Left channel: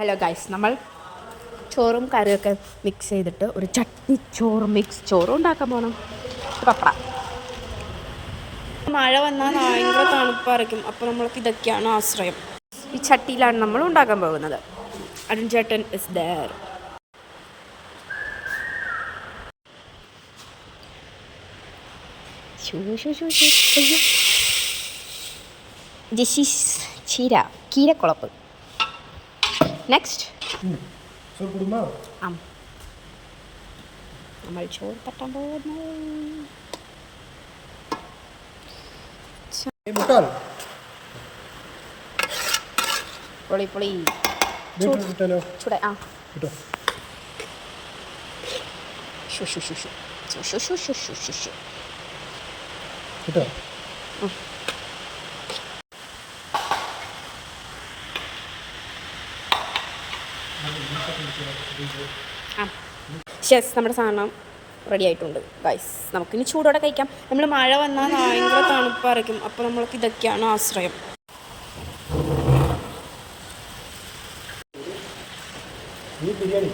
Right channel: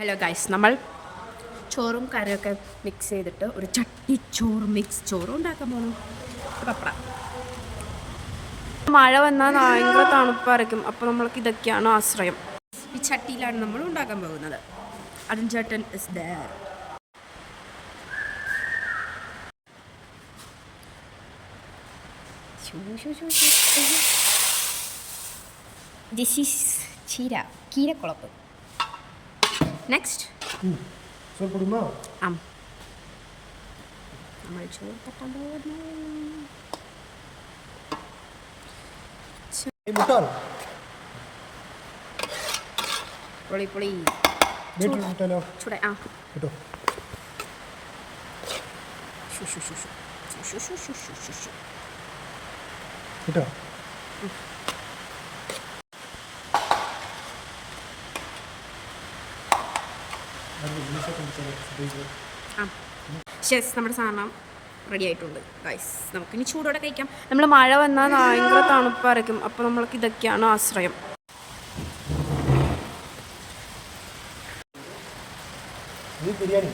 Hello guys, നമ്മൾ ചോറും കറിയൊക്കെ മിക്സ് ചെയ്തിട്ട് ഒരു ചട്ടിച്ചോറ് മിക്സ് ചോറും ഉണ്ടാക്കാൻ പോകണം. പപ്പട മഴ വന്നാൽ ഭയങ്കര തണുപ്പായിരിക്കും. അപ്പോൾ നമ്മൾക്ക് ഇതൊക്കെയാണ് ആശ്രയം. ഈ ചട്ടിയിലാണ് നമ്മൾ ഉണ്ടാക്കാൻ പോകുന്നത്. അരുൺ ചേട്ടൻ ഇസ് ദേർ. ദിസ് ഈസ് കീരക്കുളപ്പ്. നെക്സ്റ്റ് നമ്മൾ ചോറ് തട്ടാൻ പോകുന്നു. പൊളി പൊളി ചൂടെ. ആ യെസ്, നമ്മുടെ സാധനം റെഡി ആയിട്ടുണ്ട് ഗൈസ്. നമുക്കിനി ചൂടോടെ കഴിക്കാം. നമ്മൾ മഴ വന്നാൽ ഭയങ്കര തണുപ്പായിരിക്കും. അപ്പോൾ നമ്മൾക്ക് ഇതൊക്കെയാണ് ആശ്രയം. ബിരിയാണി